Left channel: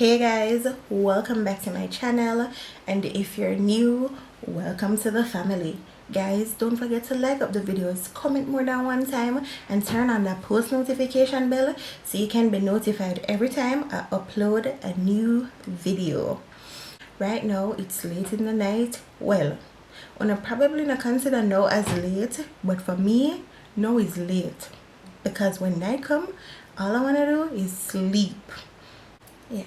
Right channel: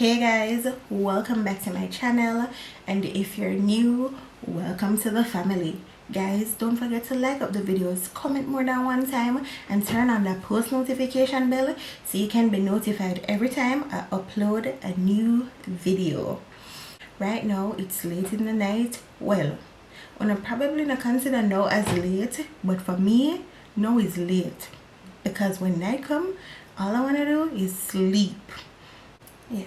Hey guys, welcome back to my channel, and if you're new, welcome to the family. Guys, don't forget to like up the videos, comment more than one time, and turn on that post notification bell so you can be notified every time I upload a new video. Right now it's late in the night. Well, I'm probably not consider now as late, but for me now is late because when night come, all I want to do is sleep. Yeah,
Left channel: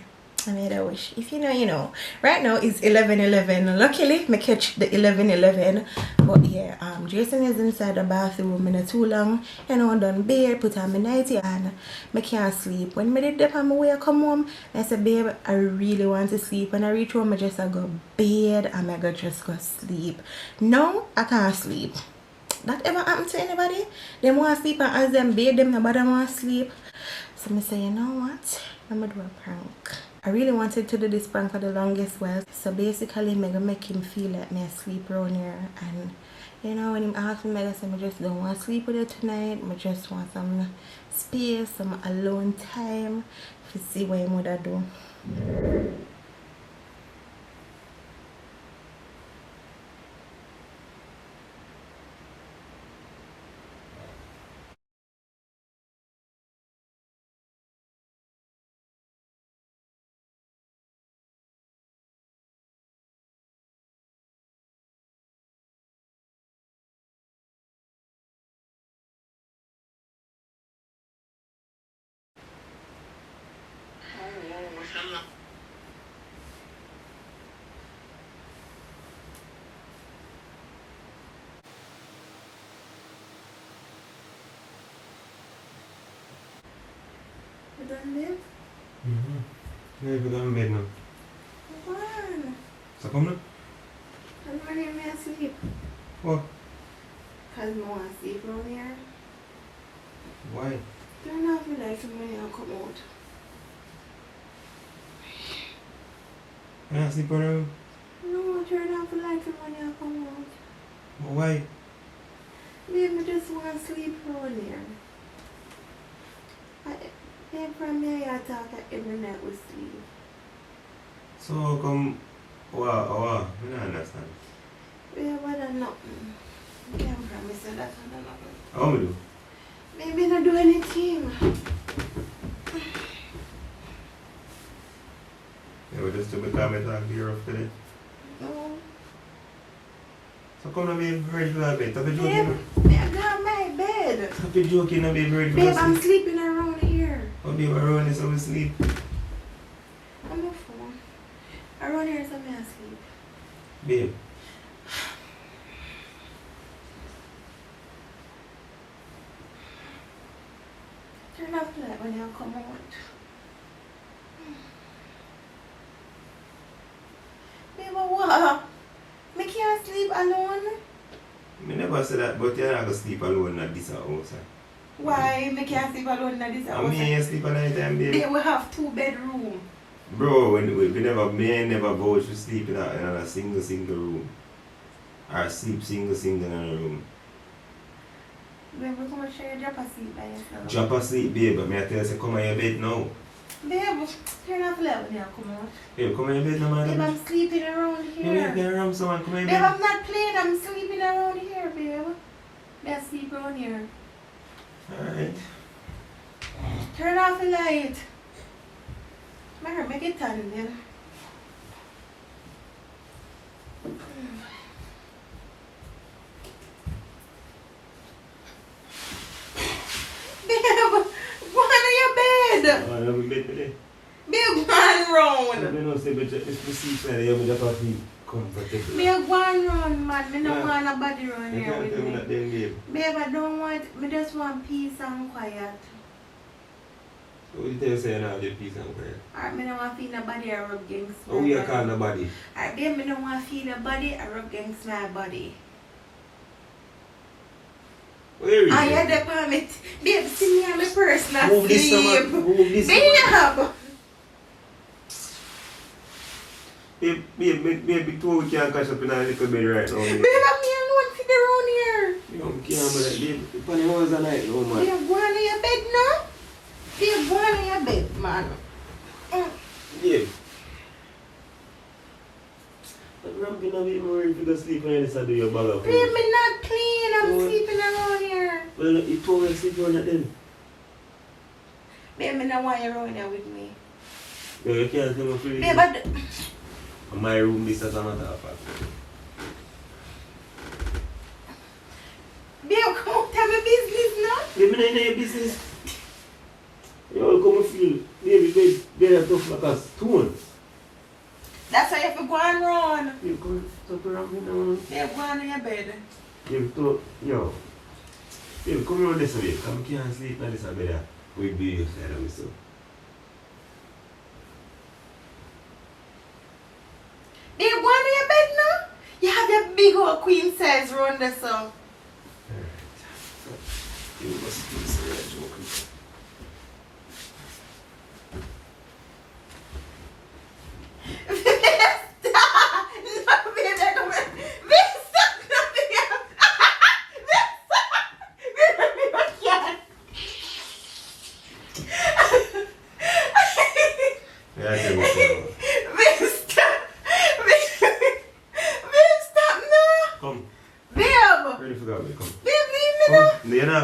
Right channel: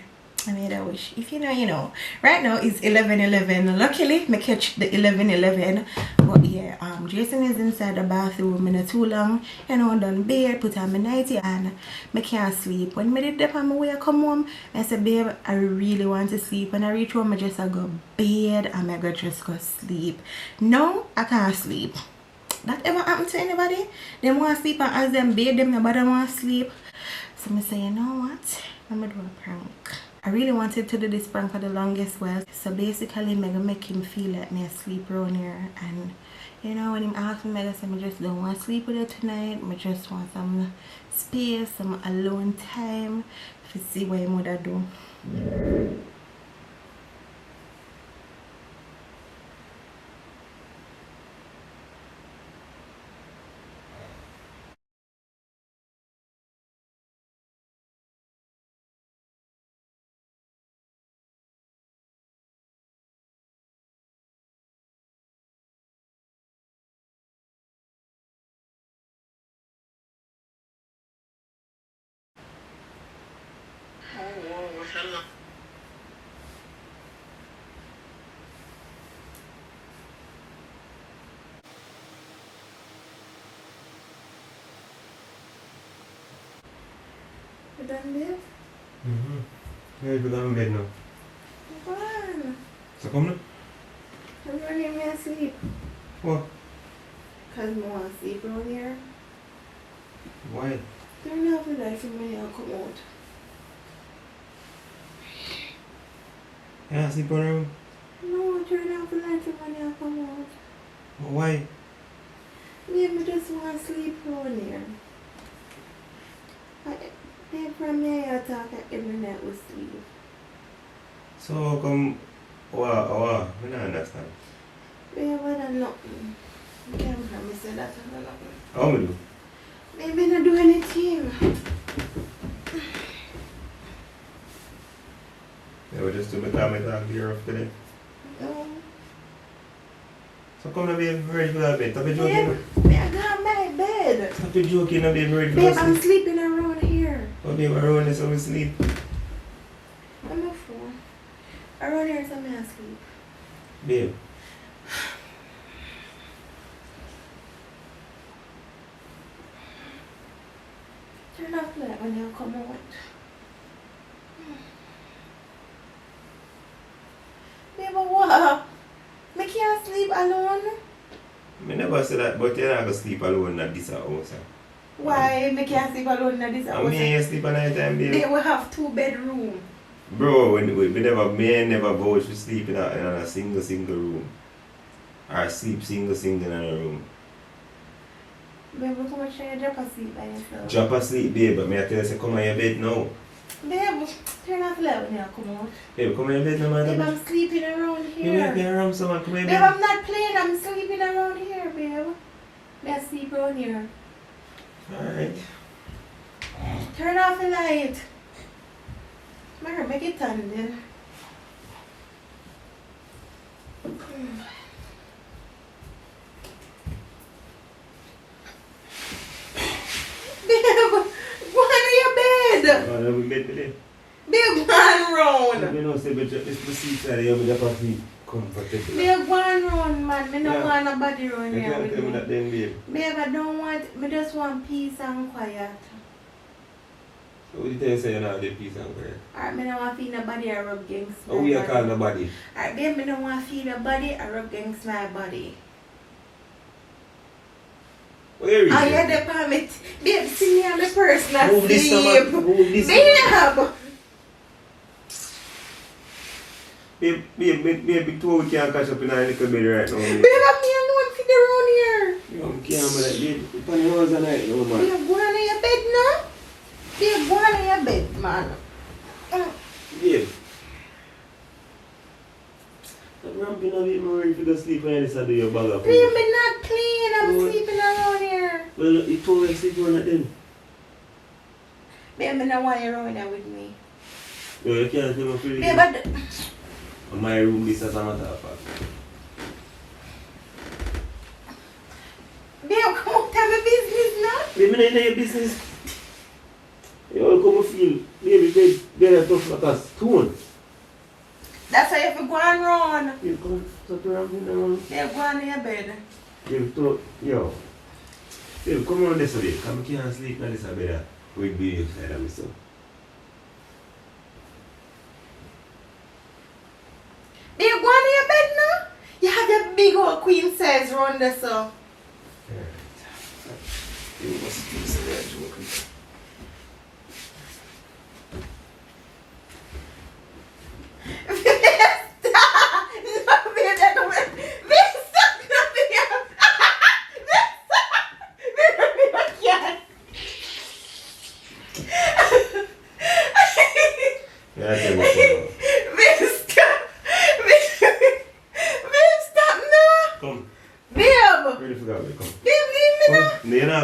I made a wish. If you know, you know. Right now it's 11:11. Luckily, I catch the 11:11. But yeah, Jason is inside the bathroom in too long. You know, done bed, put on my nightie, and I can't sleep. When I did that on my way I come home, I said, babe, I really want to sleep. When I reach home, I just go bed and I just go sleep. No, I can't sleep. That ever happened to anybody? They want to sleep and as them bed, them nobody want to sleep. So I say, you know what? I'm gonna do a prank. I really wanted to do this prank for the longest while. So basically, I'm gonna make him feel like me asleep around here. And you know, when him ask me, I say, I just don't want to sleep with you tonight. I just want some space, some alone time to see what I'm gonna do. You done live? Yeah, you done bed now. Come on. So come now. I'm running me asleep. What? Cause I want to sleep around here. Why? Turn off the lights and money I'll come out. You can't sleep around? No, turn off the lights and money I'll come out. But why? Babe, I just want to sleep around here. Babe, from me I talk every night with sleep. So how come? Wow, I don't understand. Babe, I don't know nothing. I can't promise you that I don't know nothing. How we do? Baby, not do anything. Yeah, we just do my time I talk to you off today. No. So come now, babe, ready for that bed. Stop the joking. Babe, I got my bed. Stop the joking now, babe, ready for Babe, that I'm sleep. sleeping around here. Oh, babe, I run this over sleep. On the phone. Around here so I'm asleep. Babe. Turn off the light when you come out. Babe, what? I can't sleep alone. I never said that, but you're not going to sleep alone at this house. Why? I can't sleep alone in this I house. mean, you sleep at night time, babe. They will have 2 bedrooms. Bro, we never go to sleep in a single room. Or sleep single in a room. Babe, come and try to drop asleep by yourself. Drop asleep, babe, but I tell you, say, come on your bed now. Babe, turn off the light when you come out. Babe, come on your bed now, man. Babe, I'm sleeping around You wait here. there around someone, come on your Babe, bed. I'm not playing, I'm sleeping around here, babe. I sleep around here. Alright. Turn off the light. Mara, make it on then. Babe, go on your bed. I have a bed today. Babe, go on round. You know, say, but it's the sleep side, you have a drop asleep. Comfortable. Babe, go on round, man. I don't want nobody round You here can't with tell me me. that then, babe. Babe, I don't want, I just want peace and quiet. So what you tell you say you don't have the peace and quiet? Alright, I don't want to feel nobody or rub against How we are call nobody? Alright, babe, I don't want to feel nobody or rub against my body. Where is I it? had the permit. Babe, see me on the person Move this asleep. summer. Move this summer. Babe, Babe, two we can't catch up in a little bed right now. babe, Babe. I'm here alone for the round here. You know, can't be like, babe, funny hours a night, no man. Babe, go on your bed now. Babe, go on your bed, man. Babe, you know, you're ready to go sleep when you decide to do your bag of Babe, I'm not playing. I'm sleeping around here. Well, you told me to sleep on it then. Babe, I don't want you around here with me. Yo, you can't sleep for Babe, but... my room is as a matter of fact. Babe, come on, tell me business now. Babe, I know your business. Yo, come feel, baby, very tough like a stone. That's why you have to go and run. You come stop around me now. Babe, go on in your bed. Yo. Babe, come around this way. Come here and sleep in this bed with baby side of me, so. Babe, go on in your bed now. You have your big old queen size round there, so. You must be serious.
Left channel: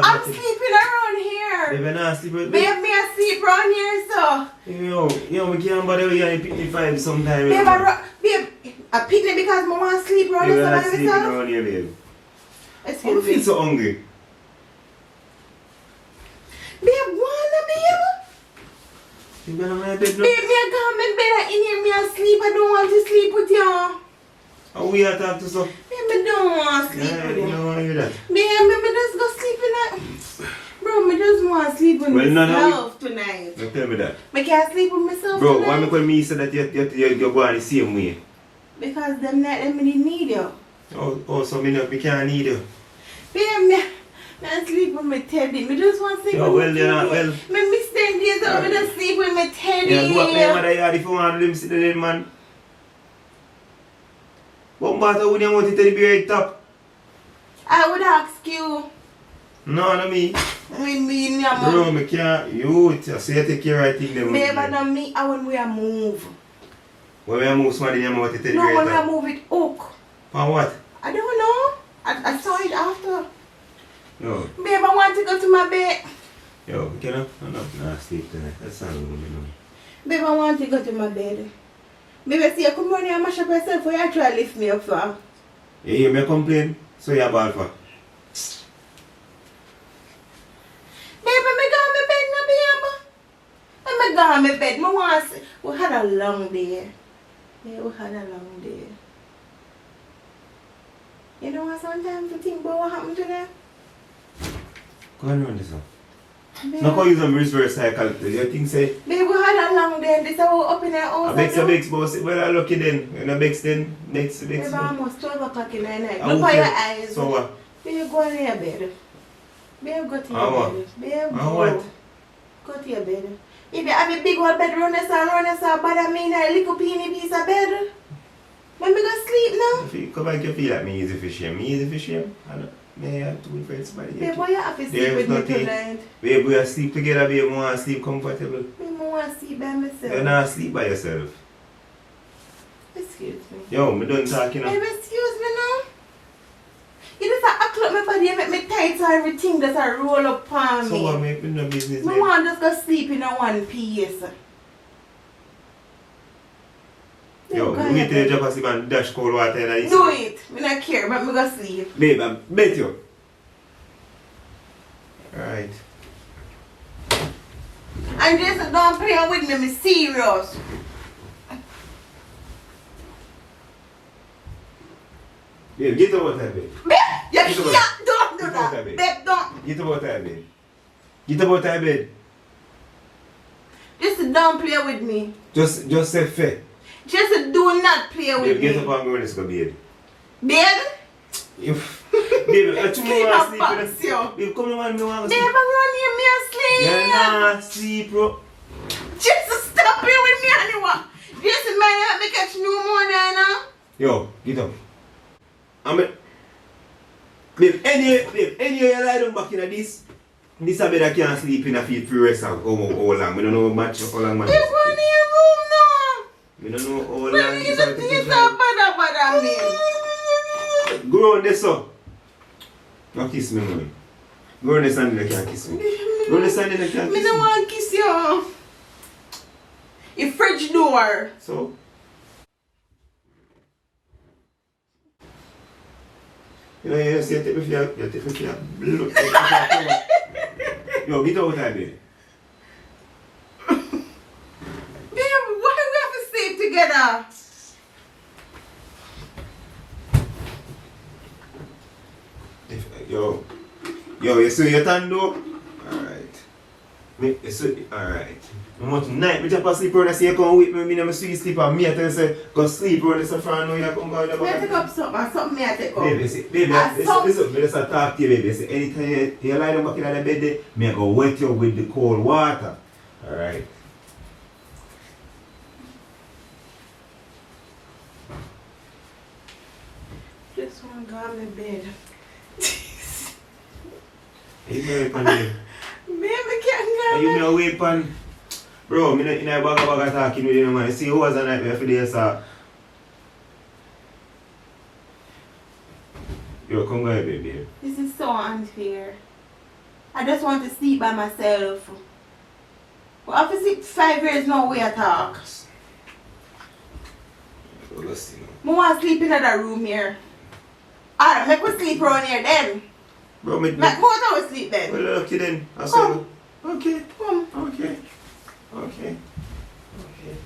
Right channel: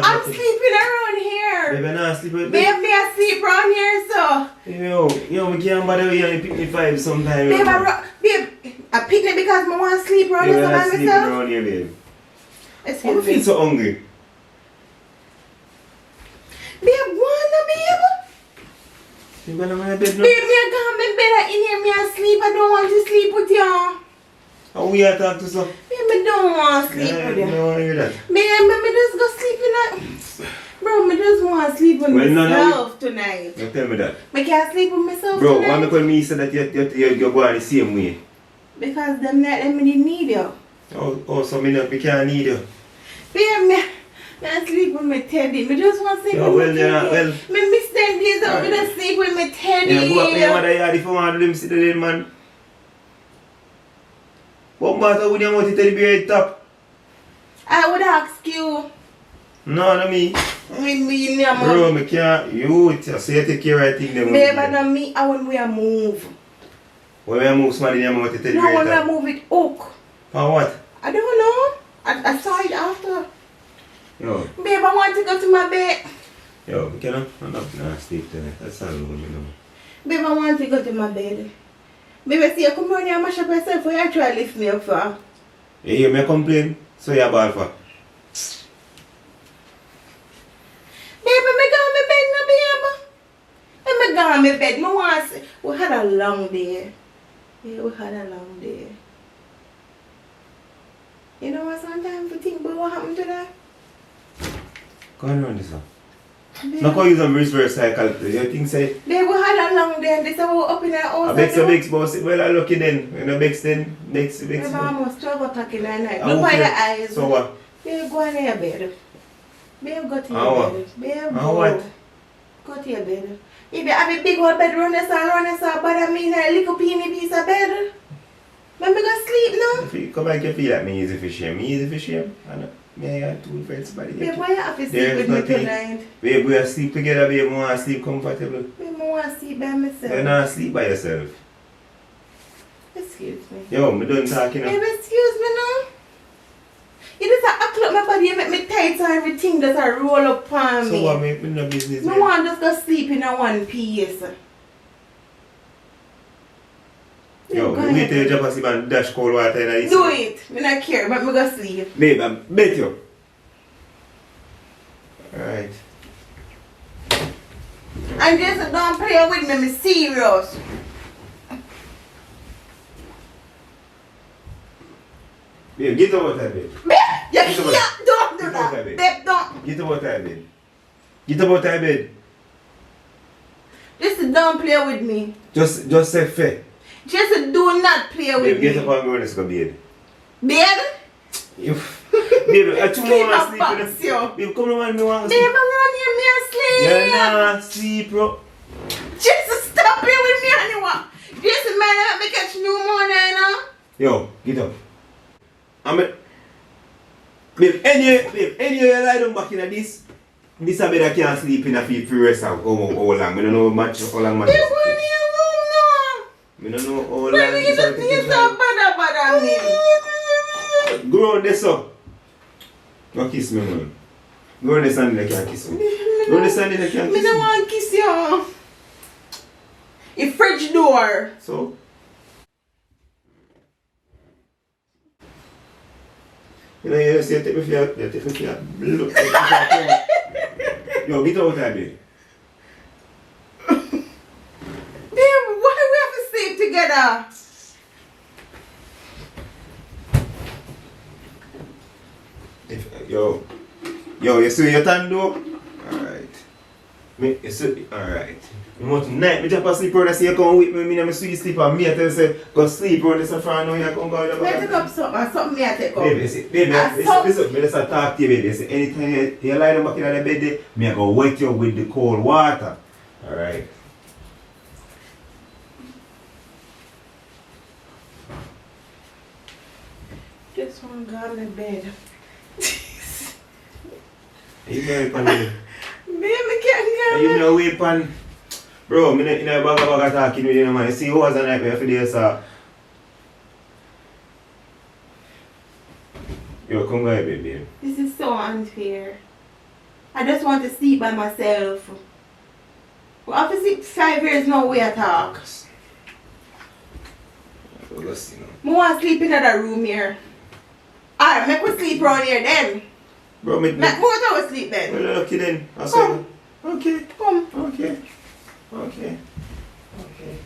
I'm sleeping around here. Baby, not sleep with Babe, me I sleep around here, so. Yo, we can't bother with you and pick me 5 sometime. Babe, I pick it because I want to sleep around here. Babe, I'm not sleeping around here, babe. I Excuse feel me. so hungry. Babe, wanna babe? You better my bed now. Babe, me I got my bed in here, me I sleep. I don't want to sleep with you. How we are talking to some? Babe, I don't want to sleep with you. No, I hear that. Babe, me just go sleep in that. Bro, me just want to sleep with myself tonight. Don't tell me that. Me can't sleep with myself Bro, tonight. why me call me say that you're going the same way? Because them need you. Oh, so we can't need you. Babe, me I sleep with my teddy. Me just want to sleep Yo, with well, my then, teddy. well. Me miss 10 days out, me just sleep with my teddy. Yeah, go up to your mother yard if you want to let him sit there, man. What matter with you want to teddy bear head top? I would ask you. No, not me. Me, Bro, me can't. You, so you take care of things. Babe, and me, I want to move. When we move somebody in your mouth to teddy No, bear when head I top? move it hook. For what? I don't know. I saw it after. Yo, Babe, I want to go to my bed. yo, you know? No, sleep tonight. That's not going to be no. Babe, I want to go to my bed. Babe, I see you come on here and mash up yourself for you actually lift me up for. You hear me complain? So you're bad for? Babe, I go on my bed now, babe. I go on my bed. I want to. We had a long day. Yeah, we had a long day. You know what, sometimes you think about what happened today? Go on around this one. Babe, Not call you some reverse cycle. You think say, babe, we had a long day and this is how we up in our house. I bex a bex boss. Well, I lucky then. You know, bex then. Bex. Babe, almost 12 o'clock in the night. Ah, Look at okay. your eyes. So what? Babe, go in your bed. Babe, go to Ah, your what? bed. Babe, Ah, go. what? Go to your bed. If you have a big old bed, run us up, but I mean a little peeny piece of bed. Let me go sleep now. If you come back, you feel like me easy for shame. Me easy for shame. I know. Me, I two friends, somebody. Babe, why you have to sleep There's with me nothing. tonight? Babe, we are sleep together, babe. We want to sleep comfortable. Babe, I want to sleep by myself. You're not sleep by yourself. Excuse me. Yo, me done talking now. Babe, excuse me now. You just act up my body, you make me tight so everything just a roll up on So me. what, me no business, I babe. want to just go sleep in a one piece. Yo, Go we wait ahead. till you drop asleep and dash cold water in the Do it. I don't care, but me go sleep. Babe, I bet you. Alright. And just don't play with me, I'm serious. Babe, get over there, babe. Babe, you Get over can't, don't do Get over that. there, babe. Babe, don't. Get over there, babe. Get over there, babe. Just don't play with me. Just say fair. Just do not play with Babe, get me. up and go in this bed. Babe? You, babe, I too Sleep want up to box, sleep. yo. Babe, come on, me want to Babe, sleep. I'm running me asleep. Yeah, nah, sleep, bro. Just stop playing with me anymore. Just man, let me catch pneumonia now. Yo, get up. Babe, anyway, you lie down back in this. This a bed I can't sleep in a feel free rest of how long. I don't know how long much. Babe, go in your room now. I don't know how long When you this just a need take some bada bada on him. Go on this up. Go kiss me, man. Go on this and you can't kiss me. Go on this and you can't kiss me. I don't want to kiss you. Your fridge door. So? You know, you say, take me for your blood. Yo, get out of there. Babe, why do we have to sleep together? Yo, you see your time though? Alright. Alright. I want tonight, I jump asleep around and say you come with me, I'm sweet sleep and me I tell you say, go sleep around this and now you come go down. Let's take up something me I take up. Baby, let's talk to you, baby. Say, anytime you lie down back in the bed there, me I go wet you with the cold water. Alright. Just want to go on my bed. You very funny. Baby can't go. You know wait pan. Bro, me in a bag talking with you, man. You see who was a nightmare for this, Yo, come go here, baby. This is so unfair. I just want to sleep by myself. Well, after 5 years, no way I talk. Let's see now. I want to sleep in another room here. Alright, make me sleep around here then. Bro, Make both of us sleep then. well, okay then. I'll say Come. okay. Come. Okay. Okay. Okay.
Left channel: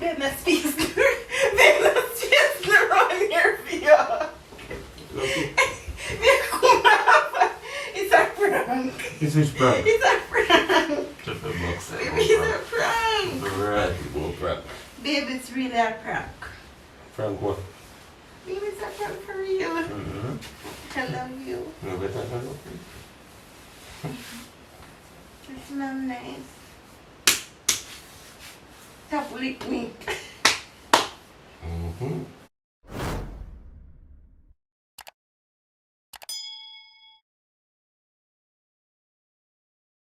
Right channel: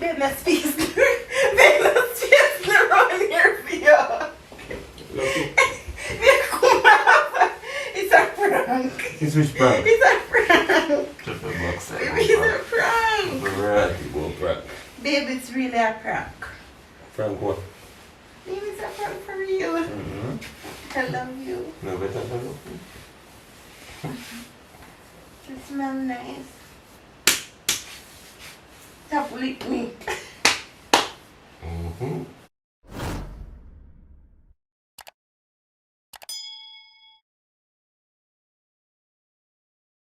Babe, let's fix Babe, let's fix around here for you. Lucky. It's a prank. It's which prank? It's a prank. Just a box. Baby, it's a prank. Right, go prank. Babe, it's really a prank. Prank what? Baby, it's a prank for real. Mm-hmm. I love you. No better than that. You smell nice. Stop lick me. Mm-hmm.